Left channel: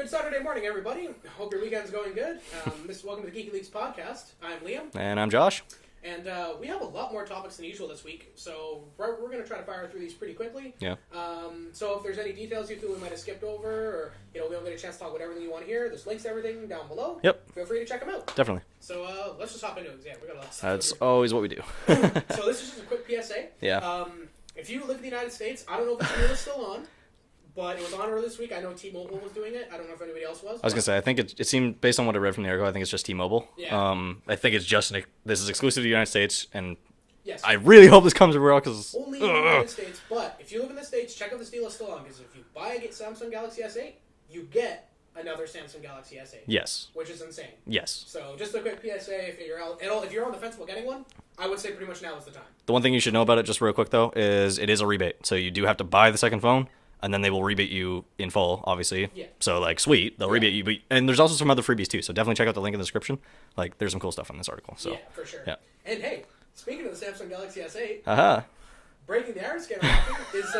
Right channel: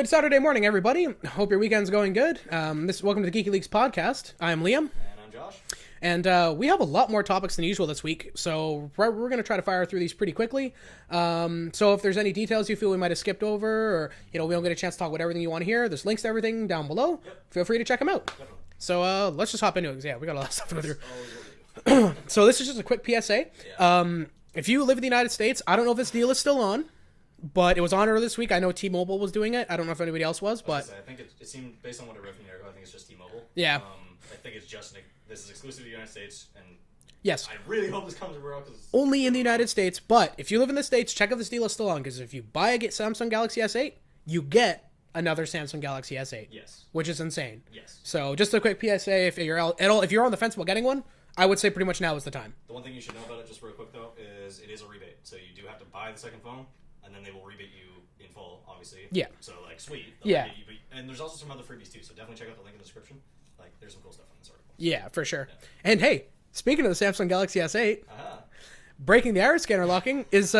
Good Saturday morning, everybody. Hope your weekend's going good. Welcome to the Geeky Leaks podcast. I'm Liam. And I'm Josh. And we have a lot more topics than usual this week, so we're going to try to fire through these pretty quickly. Yeah. So if there's any details you feel we might have skipped over, or we don't get a chance to talk about everything you want to hear, there's links to everything down below. Yep. Feel free to check them out. Definitely. So let's just hop into it. Yeah, we got a lot of stuff That's to do. always what we do. So this is just a quick PSA. Yeah. If you live in the United States, I don't know if this deal is still on, but it was on earlier this week. I know T-Mobile was doing it. I don't know if anybody else was. I was going to say, I think it seemed, based on what I read from the article, I think it's just T-Mobile. Yeah. I think it's just, this is exclusive to the United States, and yes, I really hope this comes everywhere else, because... Only in the United States, but if you live in the States, check if this deal is still on, because if you buy a Samsung Galaxy S8, you get another Samsung Galaxy S8. Yes. Which is insane. Yes. So just a quick PSA, if you're on the fence about getting one, I would say pretty much now is the time. The one thing you should know about it, just real quick, though, is it is a rebate. So you do have to buy the second phone, and then they will rebate you in full, obviously. Yeah. So, sweet. They'll rebate you. And there's also some other freebies, too. So definitely check out the link in the description. There's some cool stuff in this article. So. Yeah, for sure. Yeah. And hey, speaking of the Samsung Galaxy S8, breaking the iris scanner locking is,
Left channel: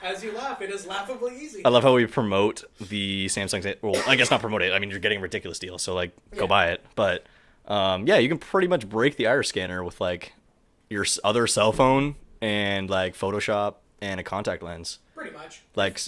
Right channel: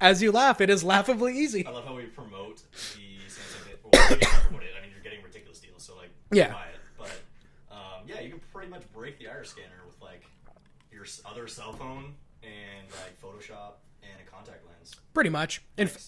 as you laugh, it is laughably easy. I love how we promote the Samsung. Well, I guess not promote it. I mean, you're getting a ridiculous deal, so go buy it. But you can pretty much break the iris scanner with your other cell phone and Photoshop and a contact lens. Pretty much.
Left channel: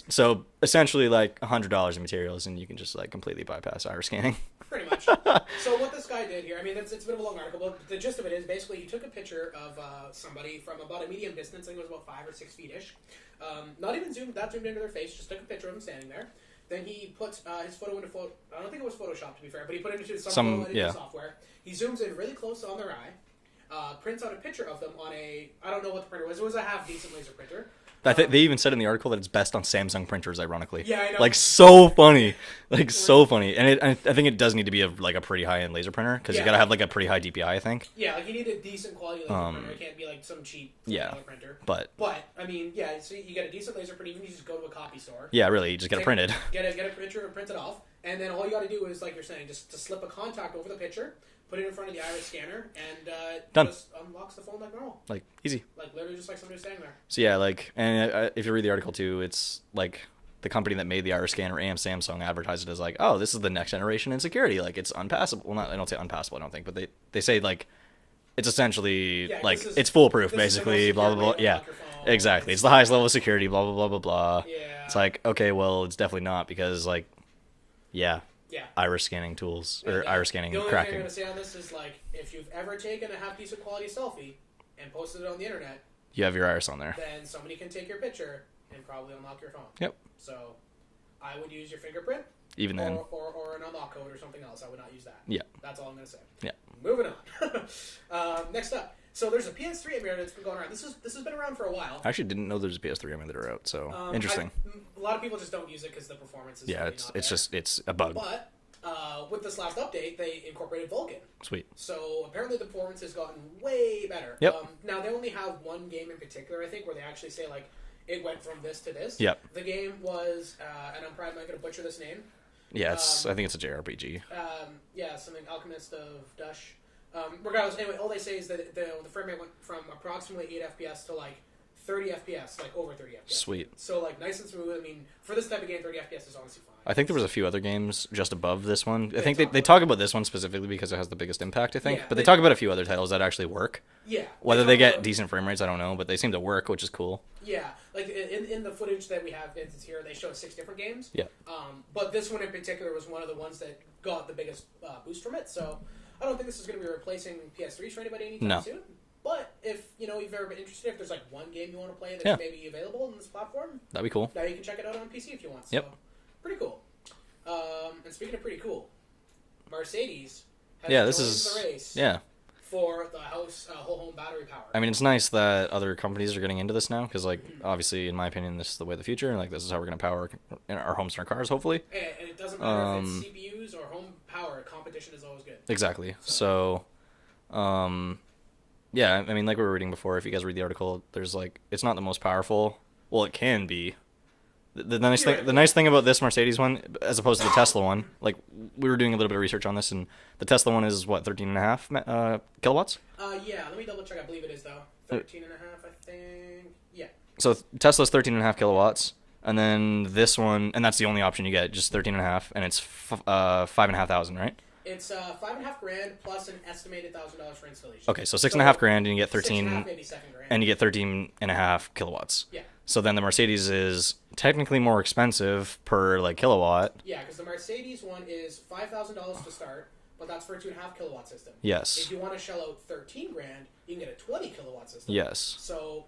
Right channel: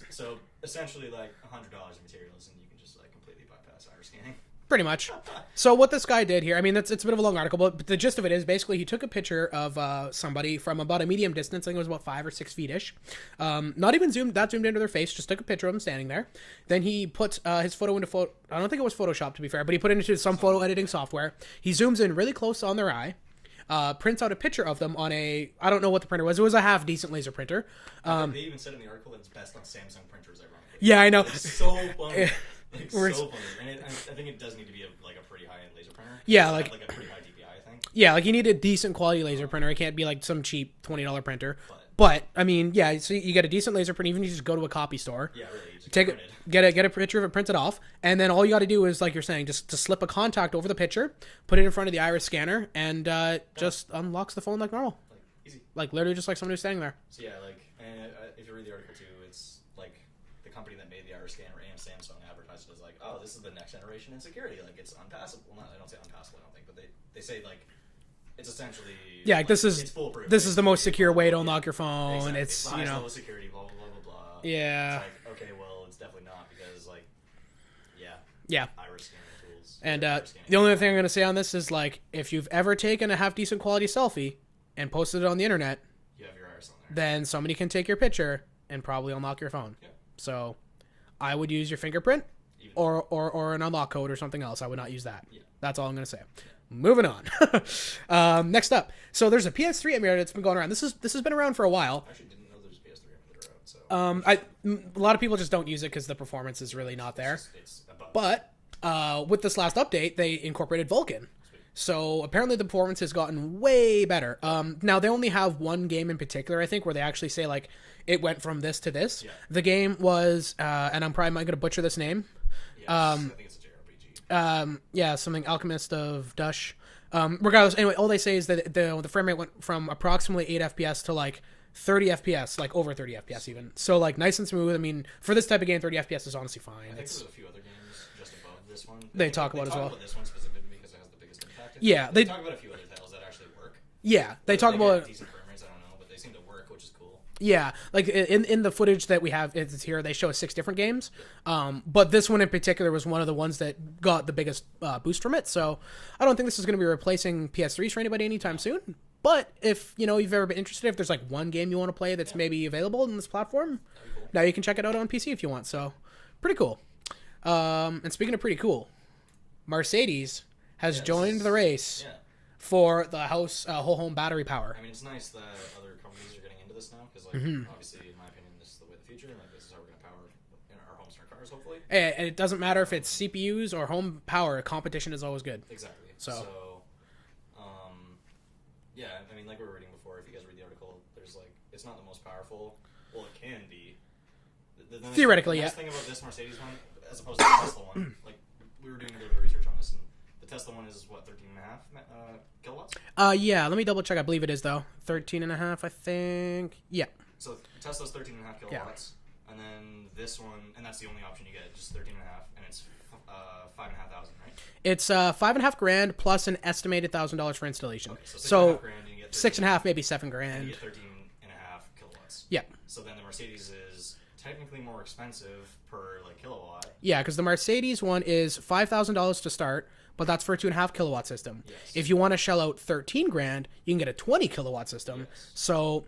So essentially $100 in materials, and you can just completely bypass iris scanning. Pretty much. So what this guy did here, I mean, it's a bit of a long article, but the gist of it is basically he took a picture of somebody from about a medium distance. I think it was about 5 or 6 feet-ish. Not even zoomed into their face, just took a picture of them standing there. Then he put his photo into I don't think it was Photoshop, to be fair, but he put it into some photo editing software. He zooms in really close on their eye, prints out a picture of them on I don't know what the printer was. It was a half-decent laser printer. They even said in the article that it's best on Samsung printers, ironically. Yeah, I know. So funny. So funny. And I think it does need to be a pretty high-end laser printer, because you gotta have a pretty high DPI, I think. Yeah, you need a decent quality laser printer. It can't be some cheap $20 printer. But I mean, yeah, so you get a decent laser printer, even if you just go to a copy store. Yeah, really, you just get it printed. Get a picture of it printed off, and then all you gotta do is, like you're saying, just to slip a contact over the picture, put it in front of the iris scanner, and just unlocks the phone like normal. Easy. Literally just like somebody who's standing there. So yeah, and if you read the article too, it's the company that made the iris scanner and Samsung advertised it as oh, this is the next generation in security. It's unpassable. Well, I don't say unpassable, I don't think, but they say it's essentially it's foolproof. This is the most secure way to unlock unlock your phone. Exactly. It's the highest level of security. Blah blah blah blah blah. Yeah. It's okay, well, it's definitely not, because yeah. Iris scanning tools and, or iris scanning. The only thing I'm gonna say on this is if you've ever taken a half decent quality selfie and posted it on the internet, you have your iris on there. Then somebody can take your picture and probably unlock your phone. Yep. So I would use your fingerprint. Even then. Or an unlock code or something else. I would not use that. Yeah. That's all I'm going to say. Yeah. Moving on. Next up. So there's a PS3 emulator that's been going around. This has been around for a while. I actually didn't know there's a PS3 emulator out, so interesting. A lot of people just don't use it because the performance is really not there. It's a bug. But with this last update, they incorporated Vulcan. Sweet. So apparently the performance has gotten way better. Yep. Now they only have one game in particular, I think, where they actually say it went from this to this. Yep. The game was, and I'm probably going to butcher this name. Yes, I think it's a JRPG. Yeah, something Alchemist of Dush. Regardless, anyway, all they say is that the frame rate went from approximately 8 FPS to 30 FPS, over 30 FPS. Sweet. Even. So nice and smooth. I mean, for this type of game, 30 FPS is honestly fine. I think there was a few other games just above this one. I think they talk about this one specifically because it has the biggest impact, I think. Yeah, but they talk about a few other titles that actually work. Yeah. Whether they get decent frame rates, I don't know, but they seem to work, which is cool. Yeah. In the footage that we have it's here, they show 6 different games. Yeah. But this one in particular was one of the ones that got the biggest boost from it. So I don't think this is going to be replacing PS3s for anybody anytime soon. But if you've ever been interested, if there's one game you want to play that's maybe available on this platform, that'd be cool. Now you can check it out on PC if you want. So pretty cool. And speaking of pretty cool, Mercedes has joined the race. Yeah. For the whole home battery power. I mean, it's nice that other companies are getting into this now, because obviously, in my opinion, this is the way of the future, and this is how we're going to power our homes and our cars, hopefully. And it doesn't matter if it's CPUs or home power. Competition is always good. Exactly. So yeah, I mean, like we were reading before, if you guys read the article, there's it's not the most powerful. Well, it can be. The nice thing about this Mercedes one, as opposed to the Tesla one, we were doing a little bit of research on this, and the Tesla one is 13.5 kilowatts? Yeah, let me double check. I believe it is though. 13.5, I think. Yeah. So Tesla's 13.5 kilowatts. And then this one, and that's the only option you get, just 13.5, and it's $5,500, right? It's $5,500 plus an estimated $1,000 for installation. Okay, so $6,500, and you get 13. $6,500, maybe $7,000, and you get 13.5 kilowatts. Yeah. So then the Mercedes is technically more expensive per like kilowatt. Yeah, because the Mercedes one is $5,000 to start, but that's for a 2.5 kilowatt system. Yes. If you want to shell out $13,000, you can get a 20 kilowatt system. Yes. So.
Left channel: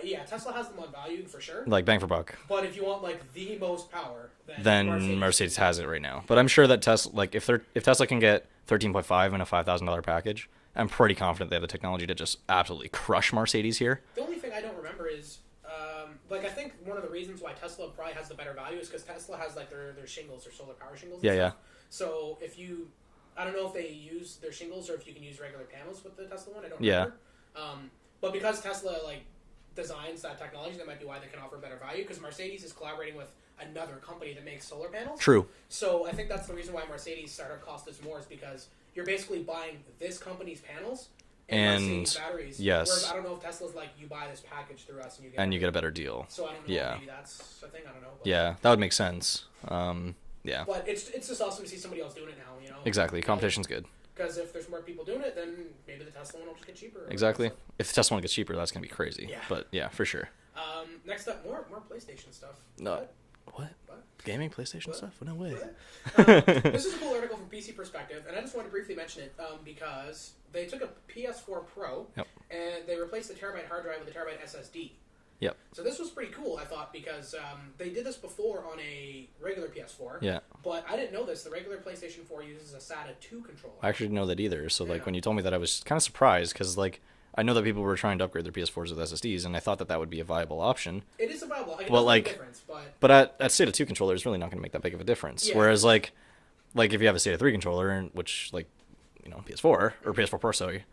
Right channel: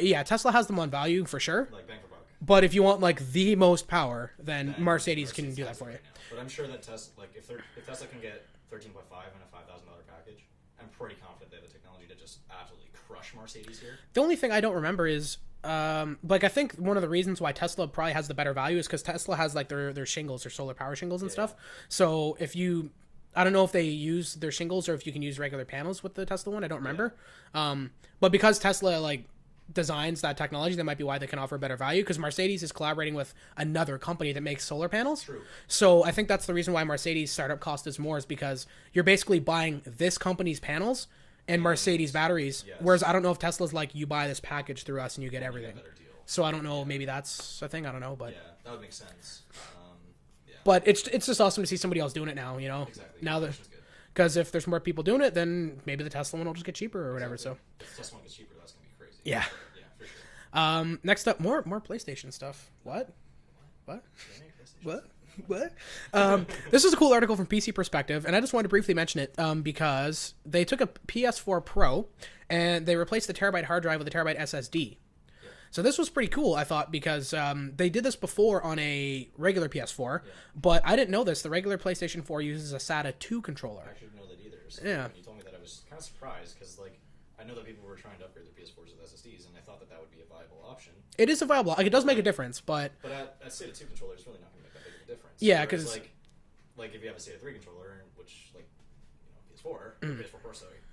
Yeah, Tesla has them on value for sure. Like bang for buck. But if you want like the most power, then Mercedes has it right now. But I'm sure that Tesla, like if Tesla can get 13.5 in a $5,000 package, I'm pretty confident they have the technology to just absolutely crush Mercedes here. The only thing I don't remember is like I think one of the reasons why Tesla probably has the better value is because Tesla has like their shingles, their solar power shingles and stuff. Yeah. So if you, I don't know if they use their shingles or if you can use regular panels with the Tesla one. I don't remember. Yeah. But because Tesla like designs that technology, that might be why they can offer better value, because Mercedes is collaborating with another company that makes solar panels. True. So I think that's the reason why Mercedes startup cost is more, is because you're basically buying this company's panels and Mercedes batteries. Yes. Whereas I don't know if Tesla's like, you buy this package through us and you get everything. You get a better deal. So I don't know. Maybe that's a thing. I don't know. But yeah, that would make sense. Yeah. But it's just awesome to see somebody else doing it now. You know. Exactly. Competition's good. Because if there's more people doing it, then maybe the Tesla one will just get cheaper. Exactly. Whatever, so. If the Tesla one gets cheaper, that's gonna be crazy. Yeah. But yeah, for sure. Next up, more PlayStation stuff. No. What? Gaming PlayStation stuff? No way. What? This is a cool article from PC Perspective, and I just wanted to briefly mention it because they took a PS4 Pro and they replaced the terabyte hard drive with a terabyte SSD. Yep. So this was pretty cool, I thought, because they did this before on a regular PS4. Yeah. But I didn't know this. The regular PlayStation 4 uses a SATA 2 controller. I actually didn't know that either. So like when you told me that, I was kind of surprised, because like I know that people were trying to upgrade their PS4s with SSDs, and I thought that would be a viable option. It is a viable. Like, it does make a difference, but at SATA 2 controller is really not going to make that big of a difference. Yeah. Whereas like if you have a SATA 3 controller, which like PS4 or PS4 Pro, sorry.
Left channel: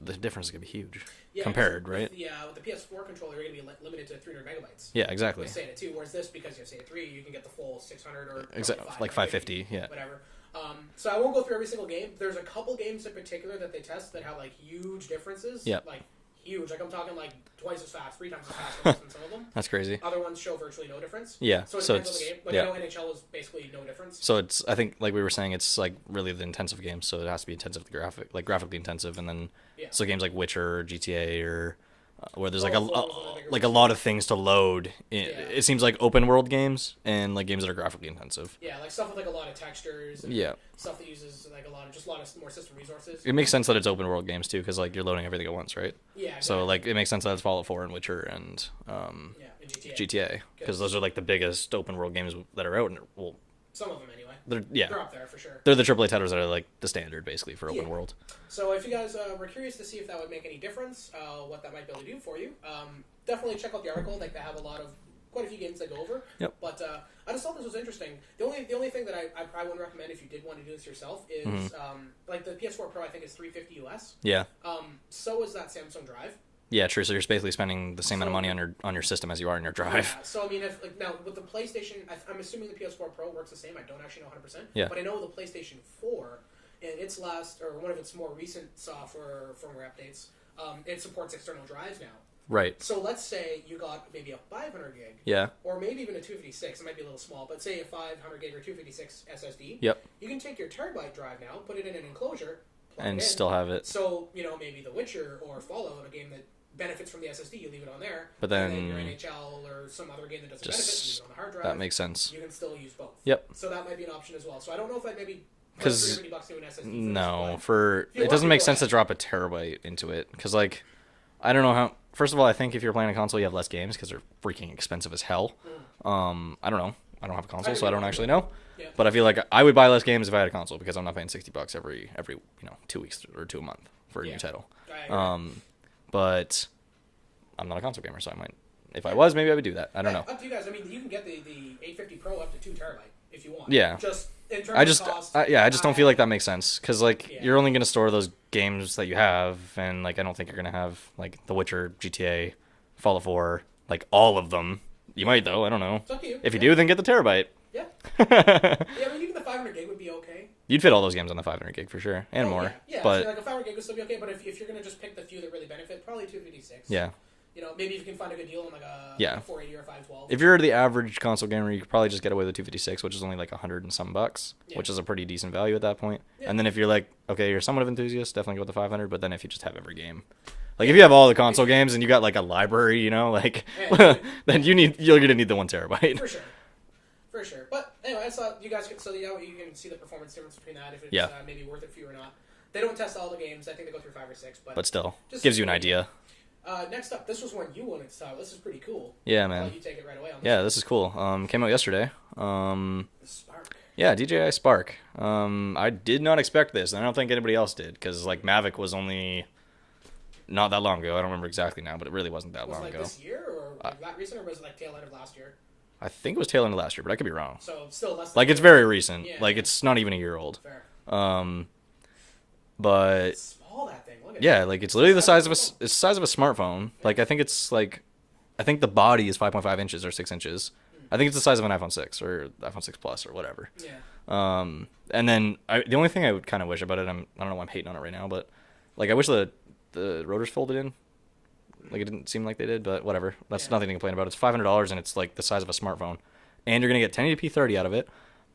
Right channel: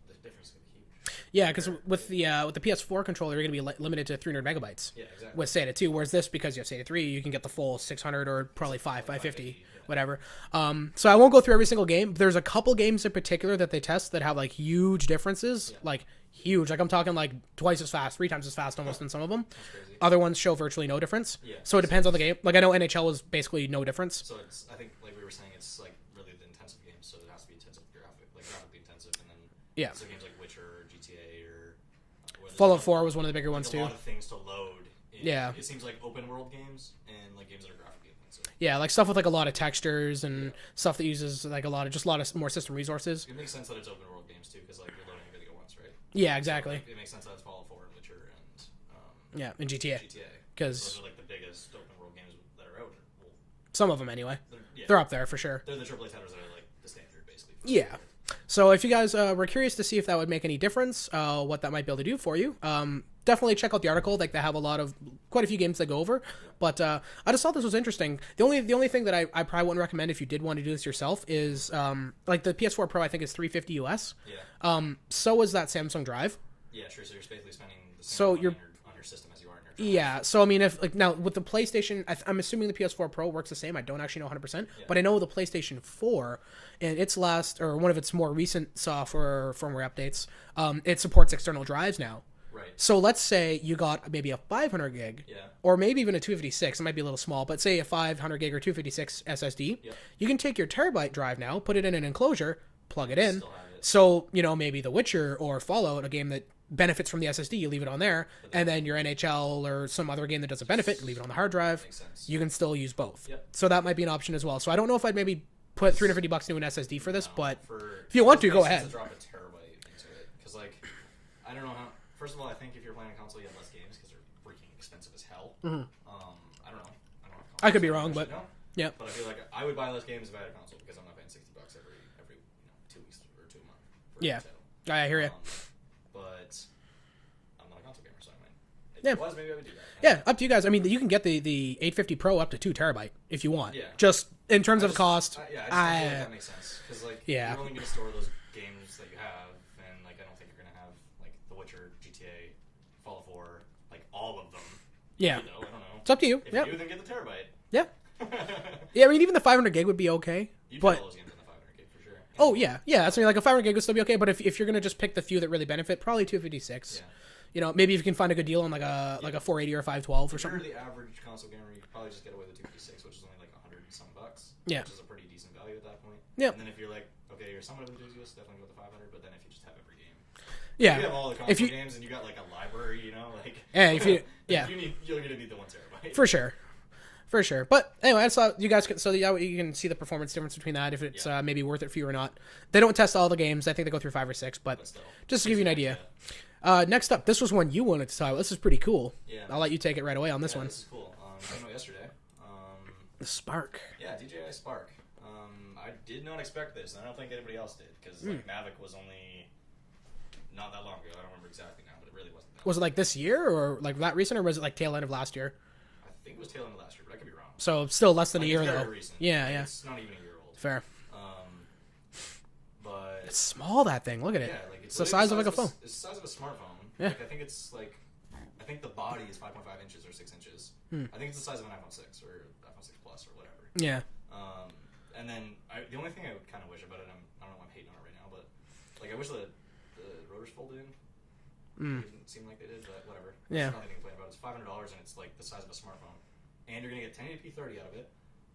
The difference is going to be huge. Yeah, compared, with right? with the PS4 controller, you're going to be limited to 300 megabytes. Yeah, exactly. With SATA 2, whereas this, because you have SATA 3, you can get the full 600 or probably 550, yeah. Whatever. So I won't go through every single game. There's a couple games in particular that they test that have like huge differences. Yeah. Like huge. Like I'm talking like twice as fast, 3 times as fast almost than some of them. That's crazy. Other ones show virtually no difference. Yeah. So it depends on the game. Like I know NHL was basically no difference. So it's, I think like we were saying, it's like really the intensive games, so it has to be intensive graphically intensive, and then so games like Witcher or GTA or where there's Fallout 4 was one of the bigger like ones a lot of things to load. It seems like open world games and like games that are graphically intensive. Yeah, like stuff with like a lot of textures and stuff that uses like a lot of more system resources. It makes sense that it's open world games too, because like you're loading everything at once, right? Yeah, exactly. So like it makes sense that it's Fallout 4 and Witcher and and GTA because those are like the biggest open world games that are out, and well, some of them anyway. They're up there for sure. They're the AAA titles that are like the standard basically for open world. So if you guys were curious to see if that would make any difference, what that might be able to do for you, definitely check out the article. Like they have quite a few games they go over. Yep. But I just thought this was interesting. The only thing that I probably wouldn't recommend if you did want to do this yourself is like the PS4 Pro I think is $350 US. Yeah. So is that Samsung Drive. Yeah, true. So you're basically spending the same amount of money on your system as you are on your drive. Yeah. So I mean, if like now with the PlayStation, I'm assuming the PS4 Pro works the same. I don't actually know 100%. Yeah. But I know the PlayStation 4, in its last or one of its more recent software firmware updates, it supports external drives now. Right. So let's say you got maybe a 500 gig. Yeah. Or maybe even a 256. It might be a little small, but say a 500 gig or 256 SSD. Yep. You can take your terabyte drive now, put it in an enclosure, plug it in. Still have it. So maybe The Witcher or Fallout, a game that benefits from the SSD, you leave it on there, and then your NHL or some other game that doesn't benefit, leave it on the hard drive. That makes sense. You can still use both. Yep. So that might be an option as well. So I don't know if I'd maybe put $350 into an SSD for this, but it doesn't make sense to drop a terabyte into it, because like I don't know how. First of all, I think if you're playing a console, you have less games because they're freaking expensive as hell. Mm-hmm. I don't know. I don't have a console, so I don't actually know. Yeah. But I feel like I would buy less games if I had a console, because I'm not paying $60 every 2 weeks or a month for a new title. I hear it. But I'm not a console gamer, so I might. If I was, maybe I would do that. I don't know. Up to you guys. I mean, you can get the 850 Pro up to 2 terabyte if you want. Yeah. Just in terms of cost. I just don't feel like that makes sense, because like you're only going to store those games that you have, and like I don't think you're going to have like The Witcher, GTA, Fallout 4, like all of them. You might though. I don't know. It's up to you. If you do, then get the terabyte. Yeah. Yeah, I mean, even the 500 gig would be okay. You'd fit all those games on the 500 gig for sure. And more. Yeah. So like a 500 gig would still be okay, but if you're going to just pick the few that really benefit, probably 256. Yeah. You know, maybe if you can find a good deal on like a 480 or a 512. If you're the average console gamer, you could probably just get away with the 256, which is only like $100 and some bucks, which is a pretty decent value at that point. Yeah. And then if you're like, okay, you're somewhat of an enthusiast, definitely go with the 500. But then if you just have every game, like if you have all the console games and you got like a library, you know, like then you're gonna need the 1 terabyte for sure. For sure. But anyway, I saw you guys you can see the performance difference between that, if it's maybe worth it for you or not. They don't test all the games. I think they go through 5 or 6, but still, just gives you an idea. Next up, this was one you wanted to talk about. This is pretty cool. Yeah, man. I'll let you take it right away on this one. Yeah, this is cool. Came out yesterday. The Spark. Yeah, DJI Spark. I did not expect this, and I don't think anybody else did, because like Mavic was only not that long ago. I don't remember exactly now, but it really wasn't that long ago. Was it like this year, or like that recent, or was it like tail end of last year? I think it was tail end of last year, but I could be wrong. So still less than like a year it's very ago. recent. Yeah, like it's not even a year old. Fair. But it's small, that thing. Look at it. Yeah, like it's literally the size of it's the size of a smartphone. Yeah. Like I think the body is 5.5 inches or 6 inches. I think it's the size of an iPhone 6 or iPhone 6 Plus or whatever. Yeah. And then the only thing I would kind of wish about it, I don't know why I'm hating on it right now, but like I wish the rotors folded in. Like it didn't seem like they did, but whatever. That's nothing to complain about. It's $500 and it's like the size of a smartphone, and you're gonna get 1080p 30 out of it.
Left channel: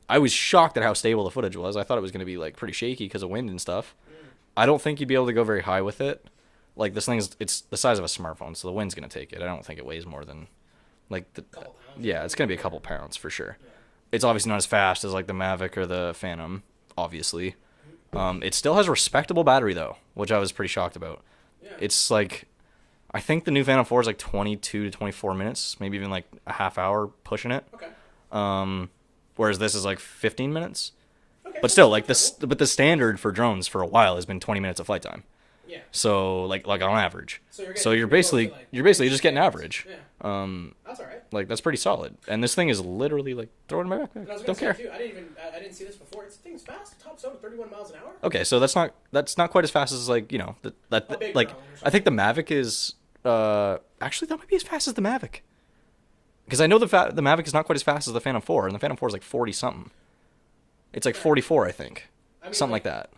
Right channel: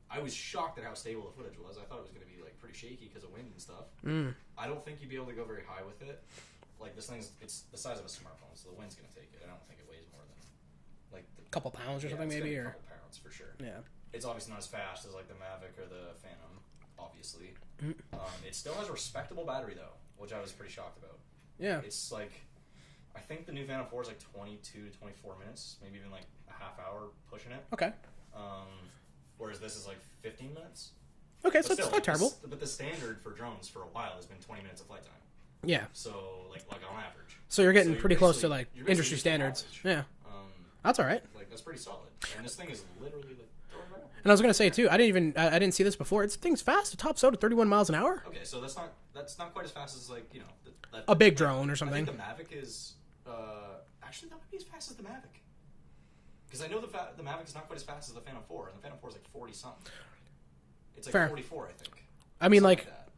I was shocked at how stable the footage was. I thought it was gonna be like pretty shaky because of wind and stuff. I don't think you'd be able to go very high with it. Like this thing it's the size of a smartphone, so the wind's gonna take it. I don't think it weighs more than like a couple pounds. Yeah, it's gonna be a couple pounds for sure. Yeah. It's obviously not as fast as like the Mavic or the Phantom, obviously. It still has a respectable battery though, which I was pretty shocked about. Yeah. It's like, I think the new Phantom 4 is like 22 to 24 minutes, maybe even like a half hour pushing it. Okay. Whereas this is like 15 minutes. Okay. But so still, like but the standard for drones for a while has been 20 minutes of flight time. Yeah. So like on average. So you're getting you're basically just getting average. Yeah. That's all right. Like that's pretty solid. And this thing is literally like throwing my back. And I was gonna say too, I didn't see this before. This thing's fast. It tops out at 31 miles an hour. Okay, so that's not quite as fast as like a big drone or something. I think the Mavic is actually that might be as fast as the Mavic. Because I know the Mavic is not quite as fast as the Phantom 4, and the Phantom 4 is like 40 something. It's like 44, I think. I mean, something like that.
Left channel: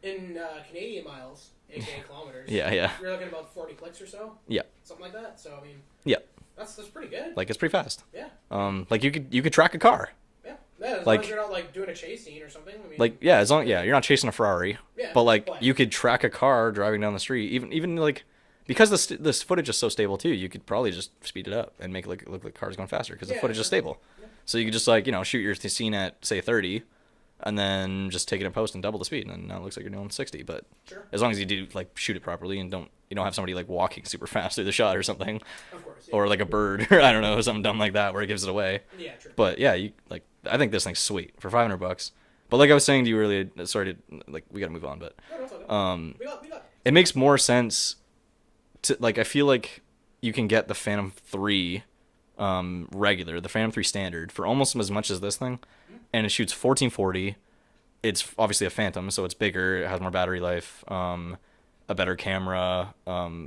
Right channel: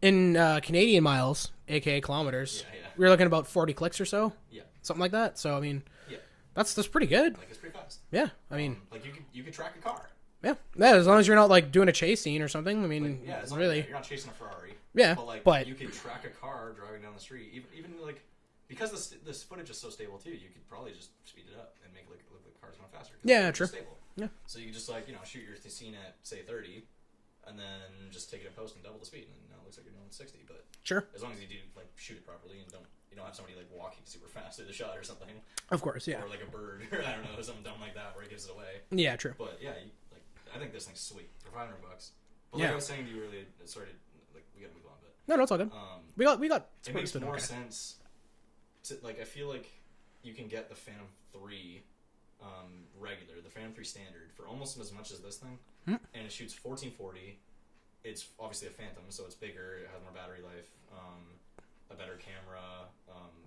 In Canadian miles, aka kilometers. Yeah. We're looking at about 40 clicks or so. Yeah. Something like that. So I mean. Yeah. That's pretty good. Like it's pretty fast. Yeah. I mean, like you could track a car. Yeah. Yeah. As long as you're not like doing a chase scene or something. I mean. Like as long you're not chasing a Ferrari. Yeah. But you could track a car driving down the street. Even like. Because this footage is so stable too, you could probably just speed it up and make it look like cars going faster because the footage is stable. Yeah. So you could just like shoot your scene at say 30, and then just take it in post and double the speed, and now it looks like you're doing 60. But sure, as long as you do like shoot it properly and don't have somebody like walking super fast through the shot or something. Of course. Yeah. Or like a bird or I don't know, something dumb like that where it gives it away. Yeah, true. But yeah, I think this thing's sweet for $500. But like I was saying to you earlier, sorry to we gotta move on, but no, it's all good. We got. It makes more sense. I feel like you can get the Phantom 3 regular, the Phantom 3 standard for almost as much as this thing, and it shoots 1440. It's obviously a Phantom, so it's bigger, it has more battery life, a better camera,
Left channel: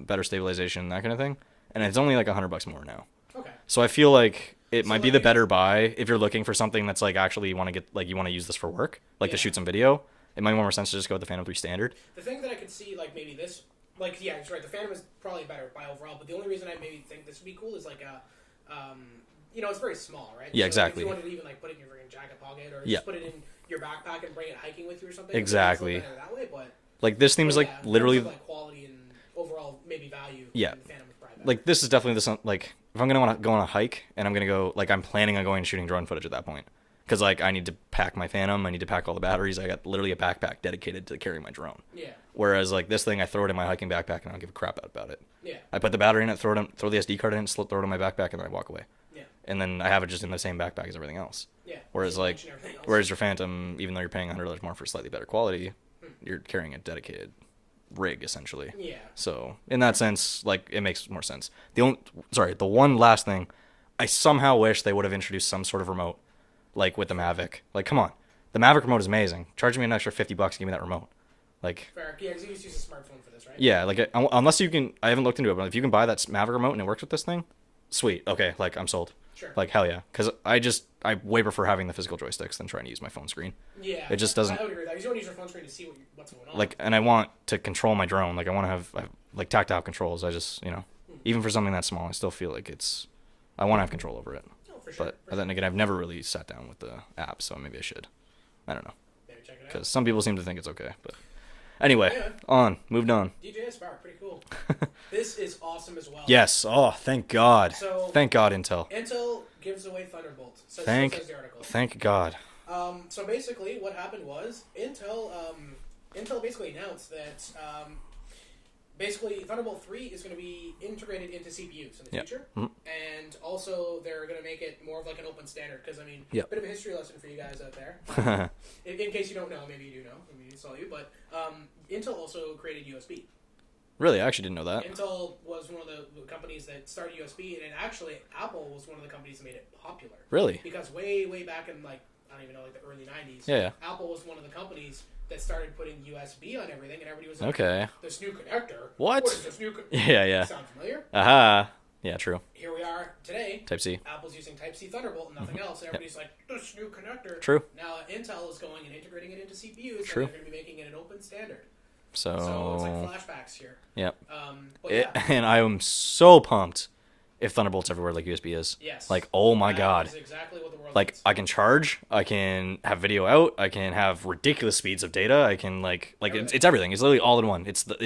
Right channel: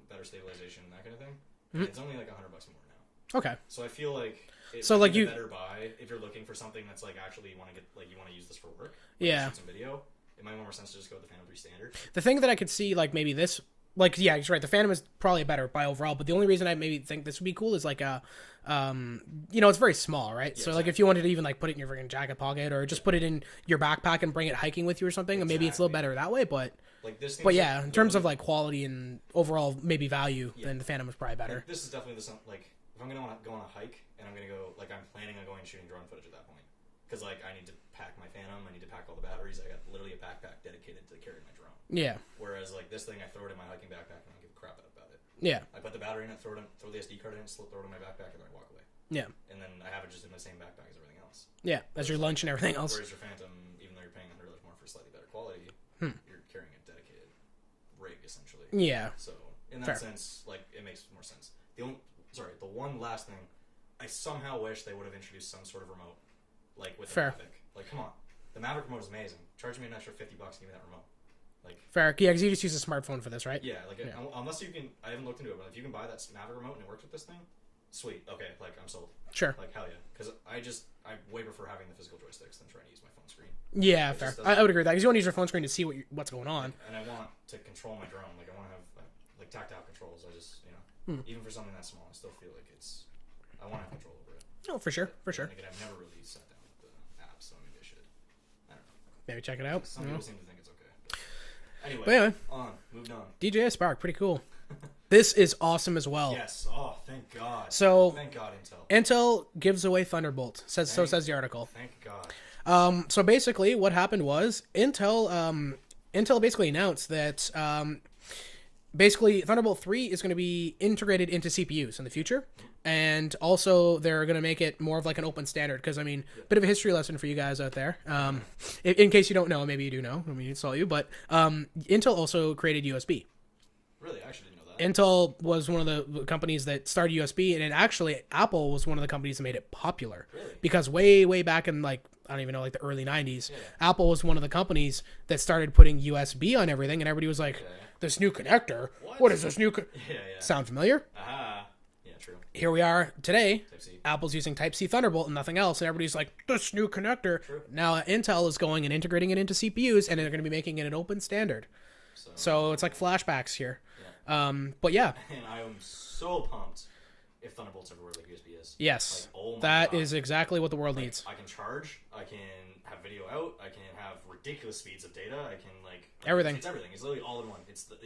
better stabilization, that kind of thing, and it's only like $100 more now. Okay. So I feel like it might be the better buy if you're looking for something that's like actually you want to use this for work, to shoot some video. It might make more sense to just go with the Phantom 3 standard. The thing that I could see, like maybe this. Like, yeah, you're right. The Phantom is probably a better buy overall, but the only reason I maybe think this would be cool is like it's very small, right? Yeah, so exactly. Like if you wanted to even like put it in your freaking jacket pocket or just put it in your backpack and bring it hiking with you or something, maybe it's a little better that way. But like this thing was like in literally terms of like quality and overall maybe value, then the Phantom is probably better. Like this is definitely this like if I'm gonna want to go on a hike and I'm gonna go like I'm planning on going and shooting drone footage at that point. Because, like, I need to pack my Phantom. I need to pack all the batteries. I got literally a backpack dedicated to carrying my drone. Yeah. Whereas, like, this thing, I throw it in my hiking backpack and I don't give a crap about it. Yeah. I put the battery in it, throw the SD card in it, throw it in my backpack, and then I walk away. Yeah. And then I have it just in the same backpack as everything else. Yeah. Whereas, your lunch and everything else. Whereas your Phantom, even though you're paying $100 more for slightly better quality, you're carrying a dedicated rig, essentially. Yeah. So, in that sense, like, it makes more sense. The one last thing, I somehow wish they would have introduced some sort of remote. Like with the Mavic. Like, come on. The Mavic remote is amazing. Charge me an extra $50 to give me that remote. Like, fair. Yeah, because you just use a smartphone for this, right? Yeah, like, unless you can... I haven't looked into it, but if you can buy that Mavic remote and it works with this thing, sweet. Okay, like I'm sold. Sure. Like hell yeah, because I way prefer having the physical joysticks than trying to use my phone screen. Yeah, it just doesn't. I would agree with that because you want to use your phone screen to see what's going on. Like, and I want to control my drone. Like I want to have like tactile controls. I just even for something that small, I still feel like I want to have control over it. Oh, for sure. But then again, I've never really sat down with the app, so maybe I should. I don't know. Maybe check it out. Some people seem to think it's okay, but anyway, moved on. DJI Spark, pretty cool. This is awesome as well. Yes. Oh, thank God. So thank God, Intel. Intel gives away Thunderbolt. So says the article. Thank God. So basically, what happened was Intel basically announced that basically Thunderbolt 3 is going to be integrated into CPUs in the future, and also they're going to make it more of like an open standard. Because I mean, bit of a history lesson for you guys out there. In case you don't know, maybe you do know. I mean, it's all you. But Intel also created USB. Really, I actually didn't know that. Intel was one of the companies that started USB, and Apple was one of the companies that made it popular. Really? Because way back in like I don't even know, like the early 90s. Yeah. Apple was one of the companies that started putting USB on everything, and everybody was like, okay, this new connector. What is this new Yeah. Sound familiar? Aha. Yeah, true. Here we are today. Type-C. Apple's using Type-C Thunderbolt and nothing else, and everybody's like, this new connector. True. Now Intel is going and integrating it into CPUs, and they're going to be making it an open standard. So it's like flashbacks here. Yeah. But yeah. And I am so pumped if Thunderbolt's everywhere like USB is. Yes. Like, oh my God. That is exactly what the world like, needs. I can charge, I can have video out, I can have ridiculous speeds of data, I can like everything. It's everything. It's literally all in one. It's the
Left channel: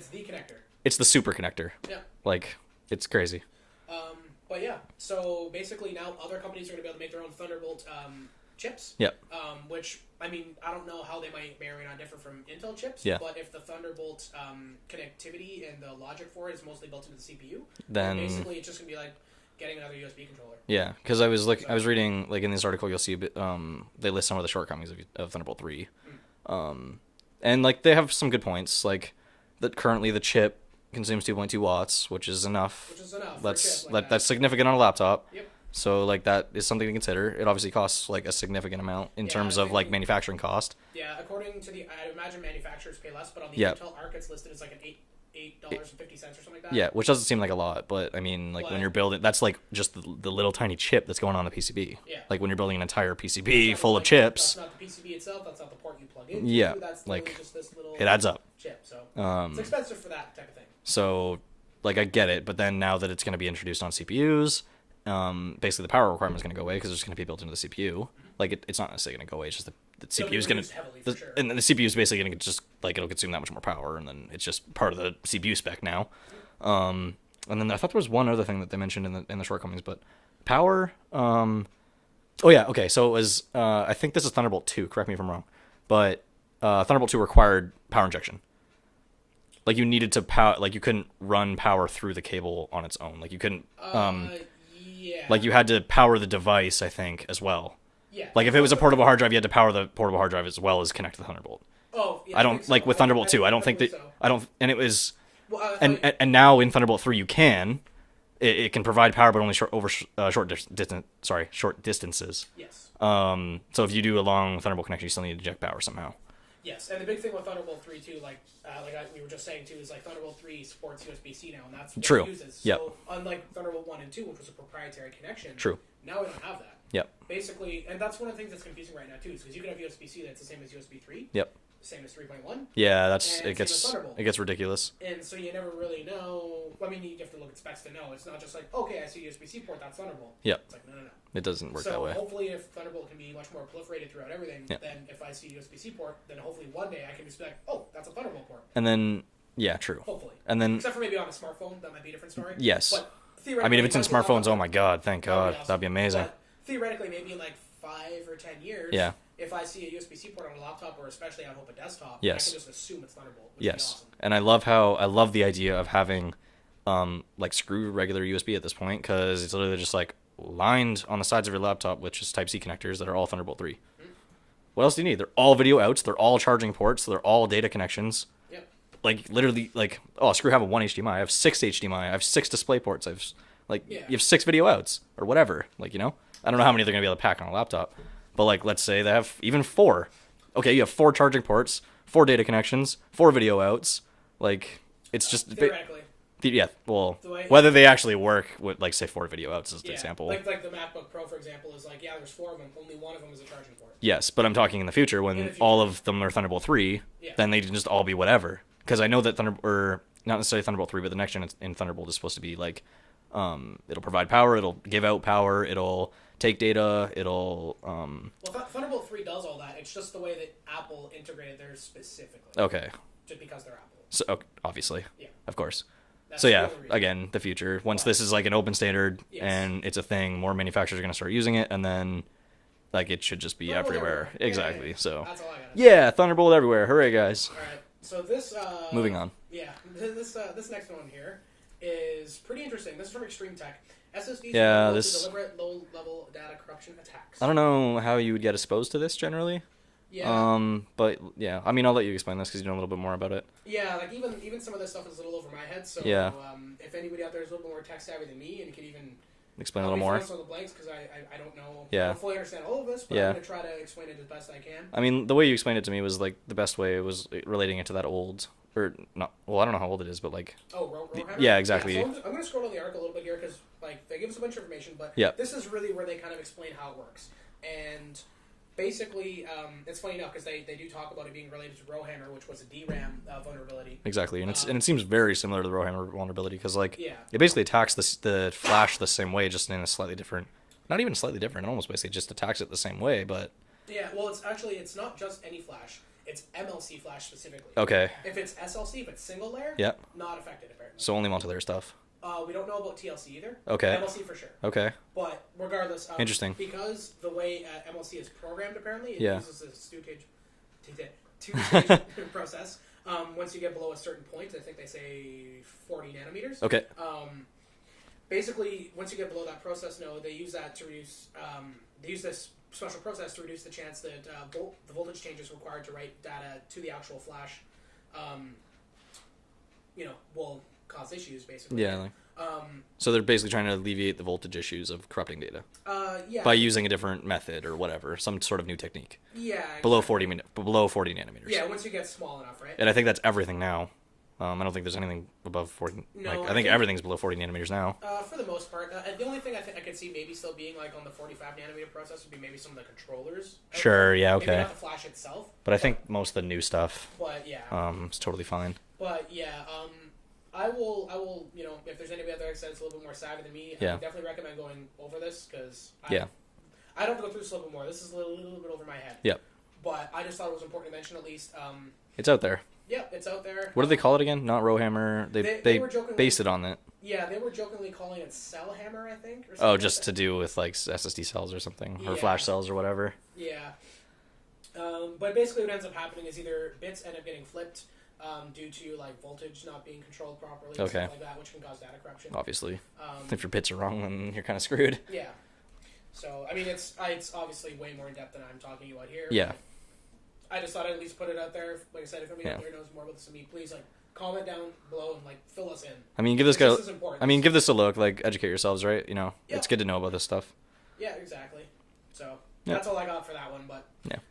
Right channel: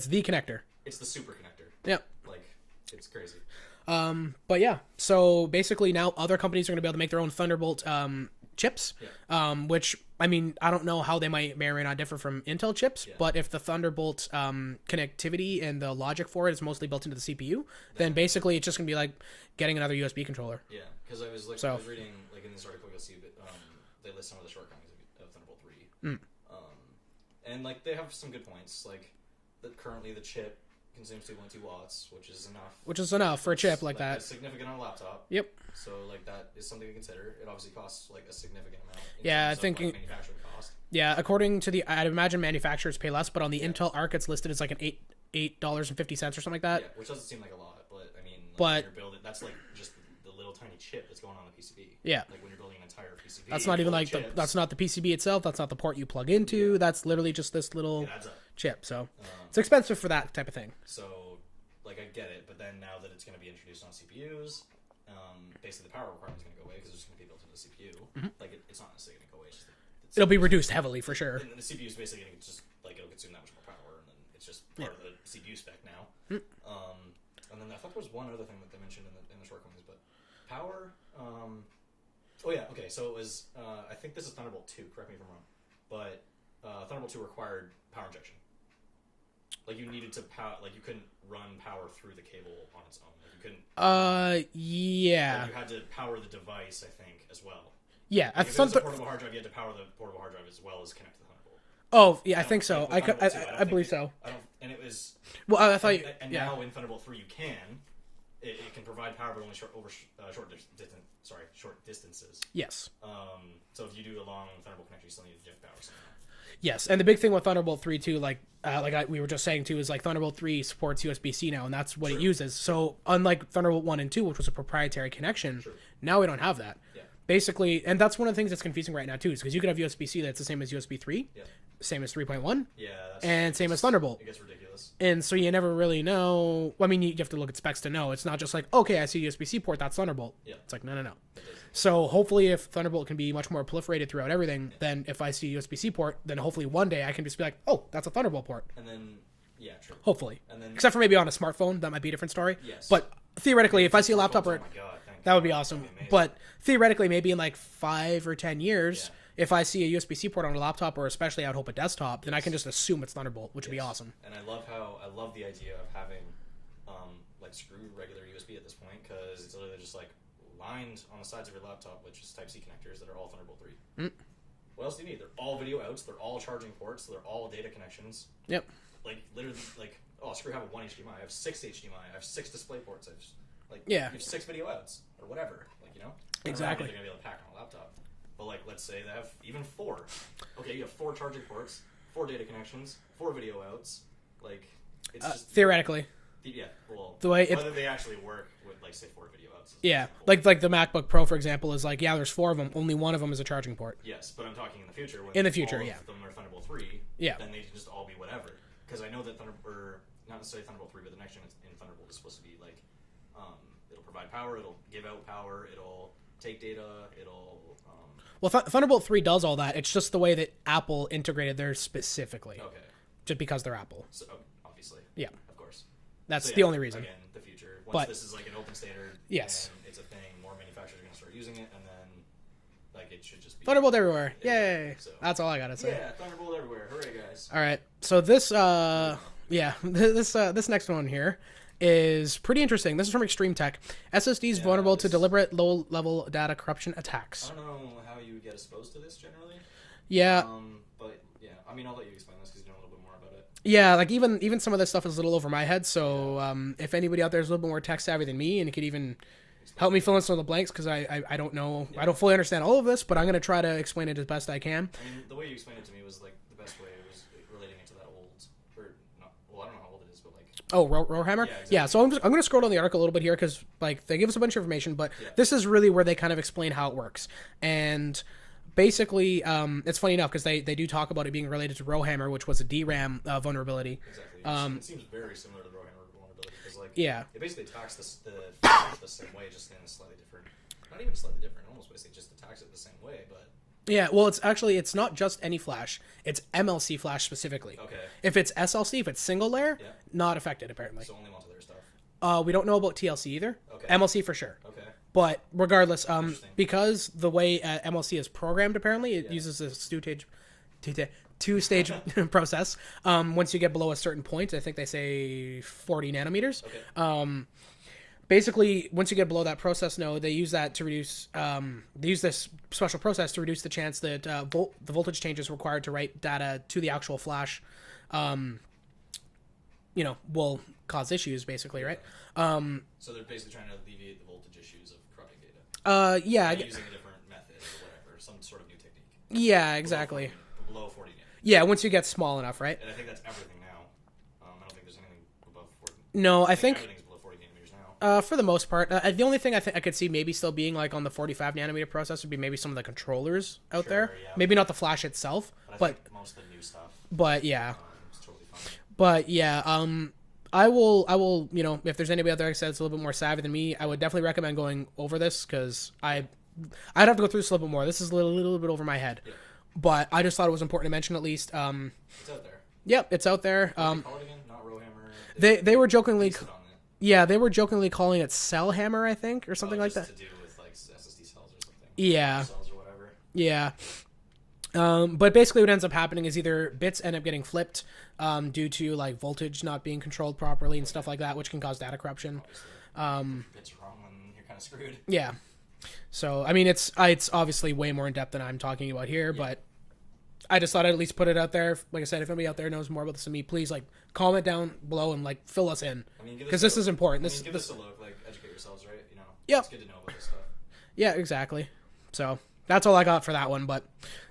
connector. It's the super connector. Yeah. Like, it's crazy. But yeah, so basically now other companies are going to be able to make their own Thunderbolt chips. Yeah. Which, I mean, I don't know how they may or may not differ from Intel chips, but if the Thunderbolt connectivity and the logic for it is mostly built into the CPU, then basically it's just going to be like getting another USB controller. Yeah, because I was reading, like in this article, you'll see they list some of the shortcomings of Thunderbolt 3. And like they have some good points, like that currently the chip consumes 2.2 watts, which is enough. For a chip like that. That's significant on a laptop. Yep. So like that is something to consider. It obviously costs like a significant amount in terms of like manufacturing cost. Yeah, according to I'd imagine manufacturers pay less, but on the Intel Arc it's listed as like an $8.50 or something like that. Yeah, which doesn't seem like a lot, but I mean, like when you're building, that's like just the little tiny chip that's going on the PCB. Yeah. Like when you're building an entire PCB full of chips. That's not the PCB itself. That's not the port you plug into. Yeah, that's literally just this little. It adds up. Chip. So it's expensive for that type of thing. So, like I get it, but then now that it's going to be introduced on CPUs. Basically the power requirement is going to go away because it's going to be built into the CPU. Like it's not necessarily going to go away. It's just the it'll be reduced heavily for sure. And then the CPU is basically going to just like it'll consume that much more power, and then it's just part of the CPU spec now. And then I thought there was one other thing that they mentioned in the shortcomings, but power. Oh yeah, okay. So it was I think this is Thunderbolt 2. Correct me if I'm wrong, but Thunderbolt 2 required power injection. Like you needed to power, like you couldn't run power through the cable on its own. Like you couldn't. Yeah. Like you had to power the device, I think, as well. Yeah. Like if it was a portable hard drive, you had to power the portable hard drive as well as connect to the Thunderbolt. Oh yeah, I don't think so. like with Thunderbolt 2. I don't think that. So. I don't, and it was. Well, and now in Thunderbolt 3, you can. It can provide power, but only short distances. Yes. So if you do a long Thunderbolt connection, you still need to inject power somehow. Yes, and the big thing with Thunderbolt 3 too, we were just saying too, is like Thunderbolt 3 supports USB-C now, and that's what it uses. So unlike Thunderbolt 1 and 2, which was a proprietary connection, now we don't have that. Yep. Basically, and that's one of the things that's confusing right now too, is because you could have USB-C that's the same as USB 3. Yep. Same as 3.1. Yeah, same as Thunderbolt. It gets ridiculous. And so you never really know. Well, I mean, you have to look at specs to know. It's not just like, okay, I see a USB-C port, that's Thunderbolt. Yeah. It's like, no. It doesn't work so that way. Hopefully if Thunderbolt can be much more proliferated throughout everything, then if I see a USB-C port, then hopefully one day I can just be like, oh, that's a Thunderbolt port. And then, yeah, true. Hopefully. And then, except for maybe on a smartphone, that might be a different story. Yes. But theoretically, I mean, if it's I see smartphones, laptop, oh my God, thank God. That would be awesome. That'd be amazing. But theoretically, maybe in like 5 or 10 years, if I see a USB-C port on a laptop, or especially I would hope a desktop, then I can just assume it's Thunderbolt, which would be awesome. And I love the idea of having like screw regular USB at this point, because it's literally just like lined on the sides of your laptop with just Type-C connectors that are all Thunderbolt 3. What else do you need? They're all video outs. They're all charging ports. They're all data connections. Yep. Like literally, like screw have a 1 HDMI. I have 6 HDMI. I have 6 display ports. You have 6 video outs or whatever. Like I don't know how many they're gonna be able to pack on a laptop, but like let's say they have even 4. Okay, you have 4 charging ports, 4 data connections, 4 video outs. Like it's just theoretically. Whether they actually work with, like, say, 4 video outs as an example. Like the MacBook Pro, for example, is like, there's 4 of them. Only one of them is a charging port. Yes, but I'm talking in the future when all of them are Thunderbolt 3, then they can just all be whatever. Because I know that not necessarily Thunderbolt 3, but the next gen in Thunderbolt is supposed to be like, it'll provide power, it'll give out power, it'll take data, it'll... Thunderbolt 3 does all that. It's just the way that Apple integrated theirs specifically. Okay. Just because they're Apple. So, obviously. Yeah. Of course. That's the only reason. Again, the future. Once this is like an open standard and it's a thing, more manufacturers are going to start using it, and then like it should just be Thunderbolt everywhere. Exactly. Yay. So that's all I got to say. Yeah, Thunderbolt everywhere. Hooray, guys. All right. So this moving on. Yeah, this next one here is pretty interesting. This is from Restream Tech. SSDs vulnerable to deliberate low-level data corruption attacks. I don't know how you would get exposed to this generally. Yeah. But yeah, I mean, I'll let you explain this because you know a little bit more about it. Yeah, like even some of this stuff is a little over my head. So if anybody out there is a little bit more tech savvy than me and could even help me fill in some of the blanks, because I don't know, I don't fully understand all of this, but I'm gonna try to explain it as best I can. I mean, the way you explained it to me was like the best way. It was relating it to that old, or not. Well, I don't know how old it is, but like. Oh, Rowhammer. Yeah, exactly. Yeah, so I'm gonna scroll down the article a little bit here because like they give us a bunch of information, but this is really where they kind of explain how it works. And basically, it's funny enough because they do talk about it being related to Rowhammer, which was a DRAM vulnerability. Exactly, and it seems very similar to the Rowhammer vulnerability because like it basically attacks the flash the same way, just in a slightly different. Not even slightly different. It almost basically just attacks it the same way, but. Yeah, well, it's not just any flash. It's MLC flash specifically. Okay. If it's SLC, if it's single layer, not affected apparently. So only multi-layer stuff. We don't know about TLC either. Okay. MLC for sure. Okay. But regardless, interesting. Because the way MLC is programmed, apparently, it uses a two-stage process. Once you get below a certain point, I think they say 40 nanometers. Okay. Basically, once you get below that process node, they use that to reduce. They use this special process to reduce the chance that the voltage changes required to write data to the actual flash, will cause issues basically. Yeah. Right? So they're basically trying to alleviate the voltage issues of corrupting data. Yeah. By using a different method or whatever, some sort of new technique. Yeah. Exactly. Below 40 nanometers. Yeah, once you get small enough, right? And I think that's everything now. I don't think there's anything above 40. No, I think everything's below 40 nanometers now. For the most part, the only thing I could see maybe still being like on the 45 nanometer process would be maybe some of the controllers out there. Sure, yeah, okay. Maybe not the flash itself. But I think most of the new stuff. But yeah, it's totally fine. But yeah, I will, if there's anybody out there that's a little bit more savvy than me, I would definitely recommend going over this because I'd have to go through this a little bit more. This is a little bit over my head. Yeah. But I just thought it was important to mention at least. It's out there. Yep, it's out there. What do they call it again? Not Rowhammer. They were jokingly based it on it. Yeah, they were jokingly calling it Cell Hammer, I think, or something. Oh, just like that. to do with like SSD cells or something, or yeah, flash cells or whatever. Yeah. But basically, what ends up happening is either bits end up getting flipped due to like voltage not being controlled properly and stuff like that, which can cause data corruption. Obviously, if your bits are wrong, then you're kind of screwed. Yeah. So I mean, it's obviously way more in depth than I'm talking about here, but I just thought I'd at least put it out there. Like I said, if anybody out there knows more about this than me, please like comment down below and like fill us in. I mean, this is important. I mean, give this a look. Like, educate yourselves, right? It's good to know about this stuff. Yeah, exactly. So that's all I got for that one, but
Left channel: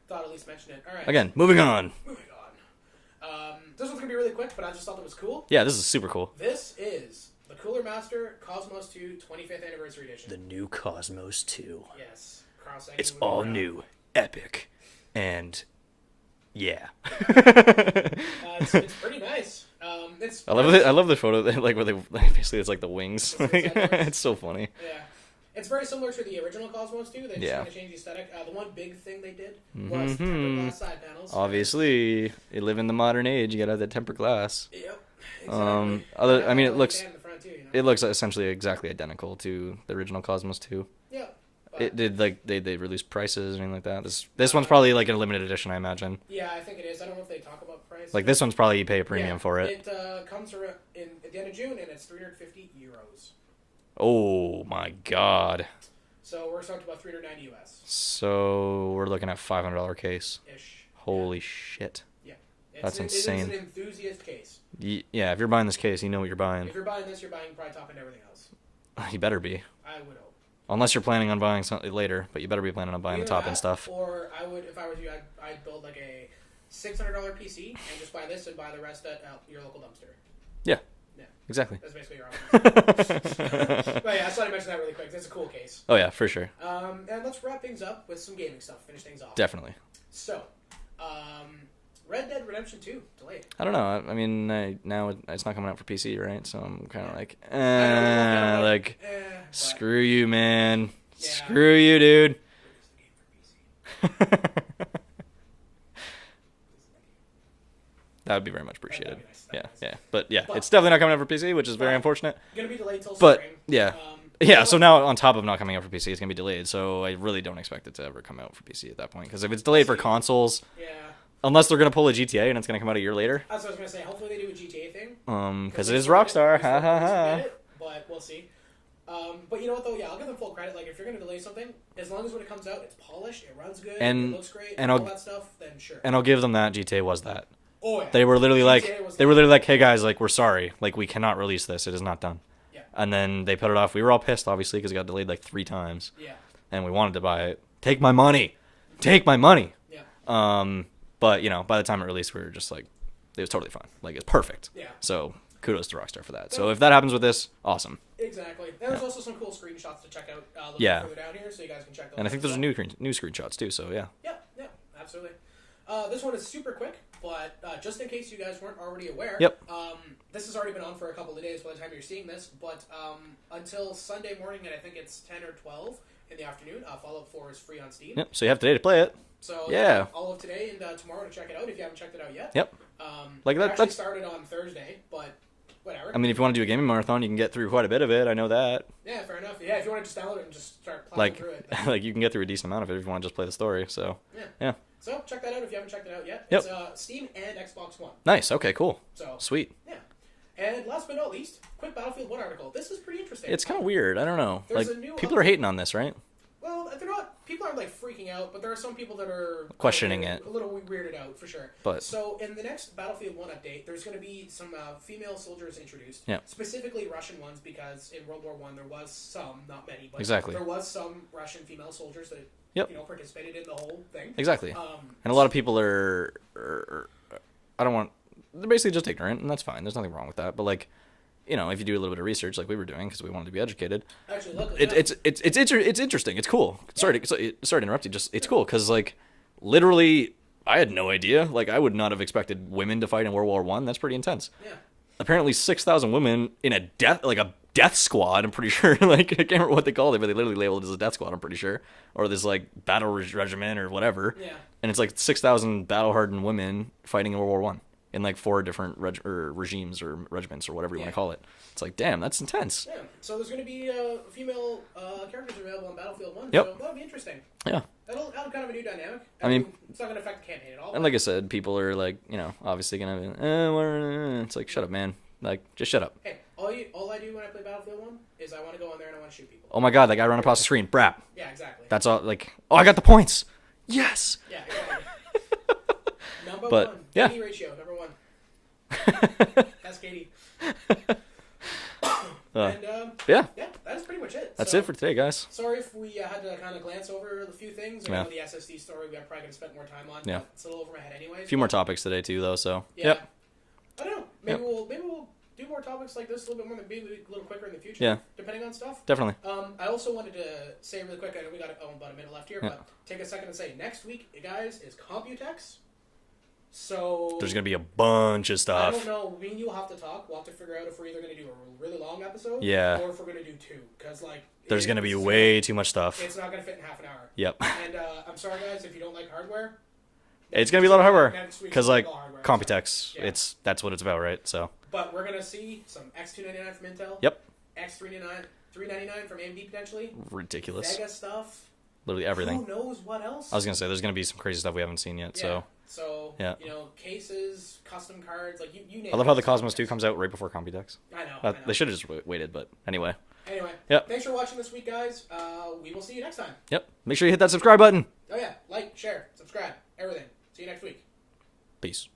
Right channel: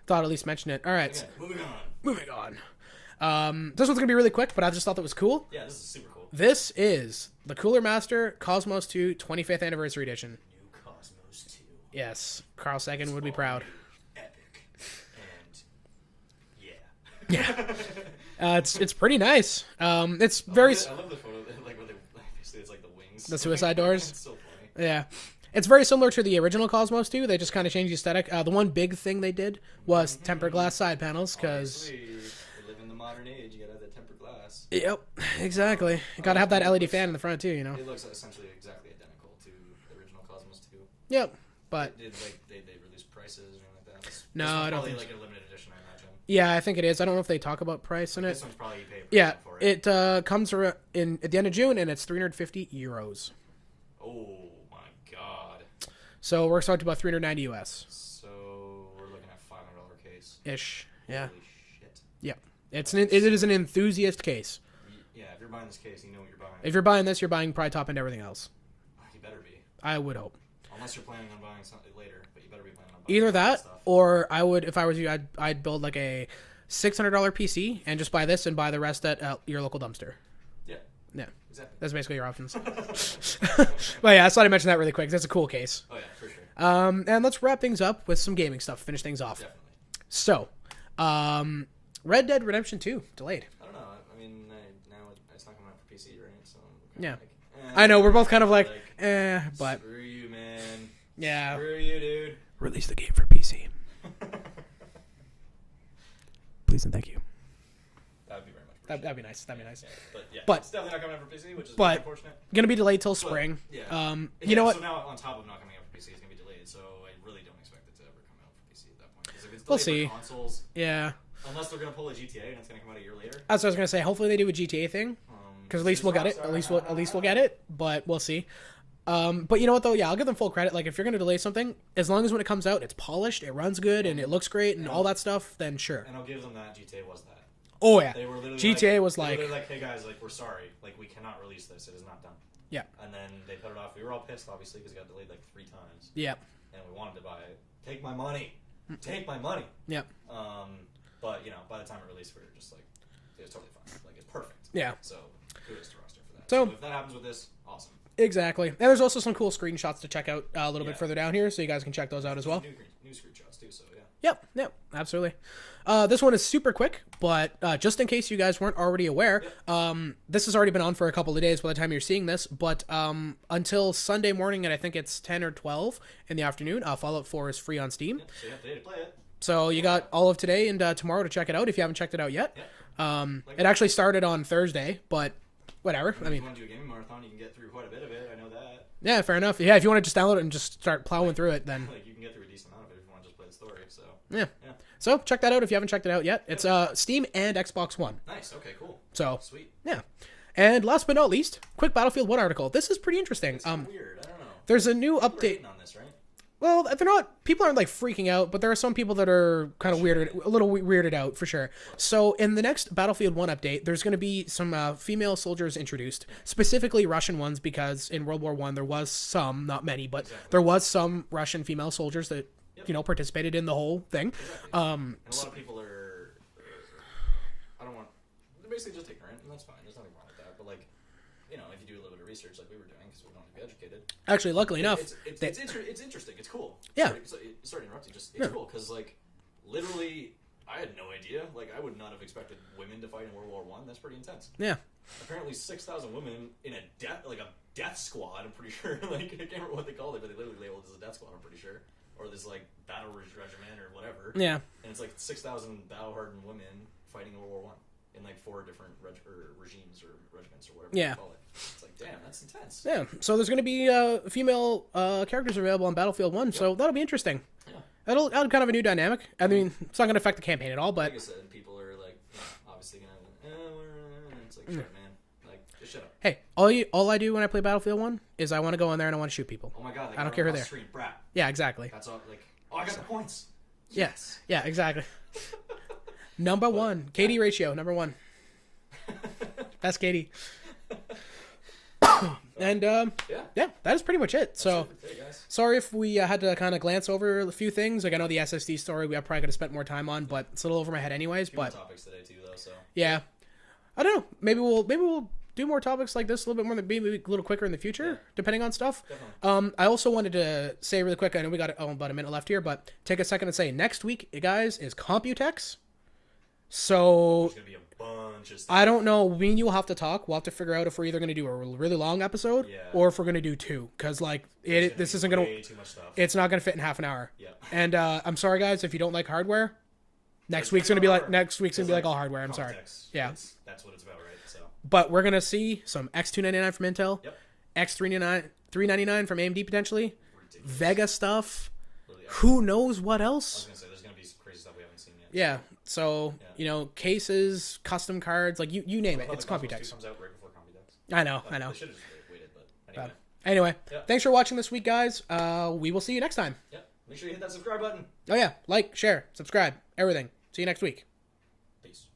thought I'd at least mention it. All right. Again, moving on. This one's gonna be really quick, but I just thought that was cool. Yeah, this is super cool. This is the Cooler Master Cosmos 2 25th Anniversary Edition. The new Cosmos 2. Yes, Carl Sagan would be proud. It's all new, epic, and yeah. It's pretty nice. I love the photo. Like where they basically it's like the wings. The suicide doors. It's so funny. Yeah. It's very similar to the original Cosmos 2. They just kind of changed the aesthetic. The one big thing they did was tempered glass side panels. Obviously, they live in the modern age. You gotta have that tempered glass. Yep, exactly. Gotta have that LED fan in the front too. It looks essentially exactly identical to the original Cosmos 2. Yep. But it did they release prices or anything like that. This one's probably like a limited edition, I imagine. Yeah, I think it is. I don't know if they talk about price. Like this one's probably you pay a premium for it. It comes at the end of June and it's €350. Oh my god. So we're talking about $390 US. So we're looking at $500 case. Ish. Holy shit. Yeah. It is an enthusiast case. Yeah, if you're buying this case, you know what you're buying. If you're buying this, you're buying probably top end everything else. You better be. I would hope. Unless you're planning on buying something later, but you better be planning on buying either top that, end stuff. Or I would, if I was you, I'd build like a $600 PC and just buy this and buy the rest at your local dumpster. Yeah. Yeah. Exactly. That's basically your options. But yeah, I thought I'd mention that really quick. That's a cool case. Oh, yeah, for sure. And let's wrap things up with some gaming stuff. Finish things off. Definitely. So, Red Dead Redemption 2 delayed. I don't know. I mean, now it's not coming out for PC, right? So I'm kind of like, I know, we're both kind of like but screw you, man. Yeah. Screw you, dude. Release the game for PC. Please and thank you. That would be very much appreciated. That'd be nice. That'd be nice. Yeah. But it's definitely not coming out for PC, which is very unfortunate. Gonna be delayed till But, spring. yeah. Yeah. So now on top of not coming out for PC, it's gonna be delayed. So I really don't expect it to ever come out for PC at that point. Because if it's delayed for consoles, yeah. Unless they're gonna pull a GTA and it's gonna come out a year later. That's what I was gonna say. Hopefully they do a GTA thing. Because it is Rockstar. At least we'll get it. But we'll see. But you know what though? Yeah, I'll give them full credit. Like if you're gonna delay something, as long as when it comes out, it's polished, it runs good, and it looks great, and all that stuff, then sure. And I'll give them that. GTA was that. Oh yeah. They were literally like, hey guys, like we're sorry, like we cannot release this. It is not done. Yeah. And then they put it off. We were all pissed, obviously, because it got delayed like 3 times. Yeah. And we wanted to buy it. Take my money. Take my money. Yeah. But you know, by the time it released, we were just like, it was totally fine. Like it's perfect. Yeah. So kudos to Rockstar for that. So if that happens with this, awesome. Exactly. And there's also some cool screenshots to check out a little bit further down here, so you guys can check those out. And I think there's new screenshots too. So yeah. Yep. Absolutely. This one is super quick, but just in case you guys weren't already aware, this has already been on for a couple of days by the time you're seeing this, but until Sunday morning, and I think it's 10 or 12 in the afternoon, Fallout 4 is free on Steam. Yep. So you have today to play it. So you got all of today and tomorrow to check it out if you haven't checked it out yet. Yep. It actually started on Thursday, but whatever. I mean, if you want to do a gaming marathon, you can get through quite a bit of it. I know that. Yeah, fair enough. Yeah, if you want to just download it and just start plowing through it, then like you can get through a decent amount of it if you want to just play the story. So yeah. So check that out if you haven't checked it out yet. It's Steam and Xbox One. Nice. Okay. Cool. So sweet. Yeah. And last but not least, quick Battlefield 1 article. This is pretty interesting. It's kind of weird. I don't know. There's a new people are hating on this, right? Well, they're not. People aren't like freaking out, but there are some people that are questioning it, a little weirded out for sure. But, so in the next Battlefield 1 update, there's going to be some female soldiers introduced, specifically Russian ones, because in World War I there was some, not many, but there was some Russian female soldiers that participated in the whole thing. Exactly. And a lot of people are they're basically just ignorant, and that's fine. There's nothing wrong with that. But like, you know, if you do a little bit of research like we were doing because we wanted to be educated. Actually, luckily enough. It's interesting. It's cool. Sorry to interrupt you. It's cool because like literally I had no idea. Like I would not have expected women to fight in World War One. That's pretty intense. Yeah. Apparently 6,000 women in a death squad. I'm pretty sure. Like I can't remember what they called it, but they literally labeled it as a death squad. I'm pretty sure, or this like battle regiment or whatever. Yeah. And it's like 6,000 battle hardened women fighting in World War One. In like 4 different regimes or regiments or whatever you want to call it. It's like, damn, that's intense. Yeah. So there's going to be female characters available on Battlefield 1, so that'll be interesting. Yeah. That'll add kind of a new dynamic. I mean, it's not going to affect the campaign at all. But like I said, people are like, you know, obviously going to, it's like, shut up, man. Like, just shut up. Hey, all I do when I play Battlefield 1 is I want to go in there and I want to shoot people. Oh my god, that guy ran across the screen. Brap. Yeah, exactly. That's all, like, oh, I got the points. Yes. Yeah, exactly. Number 1. KD ratio, number 1. That's Katie. And that is pretty much it. That's it for today, guys. Sorry if we had to kind of glance over a few things. Like I know the SSD story we probably could have spent more time on, but it's a little over my head anyways. A few more topics today too, though. So yeah. I don't know. Maybe we'll do more topics like this a little bit more, maybe a little quicker in the future, depending on stuff. Definitely. I also wanted to say really quick. I know we got about a minute left here, but take a second and say next week, guys, is Computex. So there's gonna be a bunch of stuff. I don't know. Me and you will have to talk. We'll have to figure out if we're either gonna do a really long episode, or if we're gonna do 2. Because like there's gonna be way too much stuff. It's not gonna fit in half an hour. Yep. And I'm sorry, guys, if you don't like hardware. It's gonna be a lot of hardware. Next week's because like all hardware. Computex, that's what it's about, right? So. But we're gonna see some X299 from Intel. Yep. X399 from AMD potentially. Ridiculous. Vega stuff. Literally everything. Who knows what else? I was gonna say there's gonna be some crazy stuff we haven't seen yet. Yeah. So you know, cases, custom cards, like you name it. I love how the Cosmos 2 comes out right before Computex. I know. They should have just waited, but anyway. Thanks for watching this week, guys. We will see you next time. Yep. Make sure you hit that subscribe button. Oh yeah, like, share, subscribe, everything. See you next week. Peace.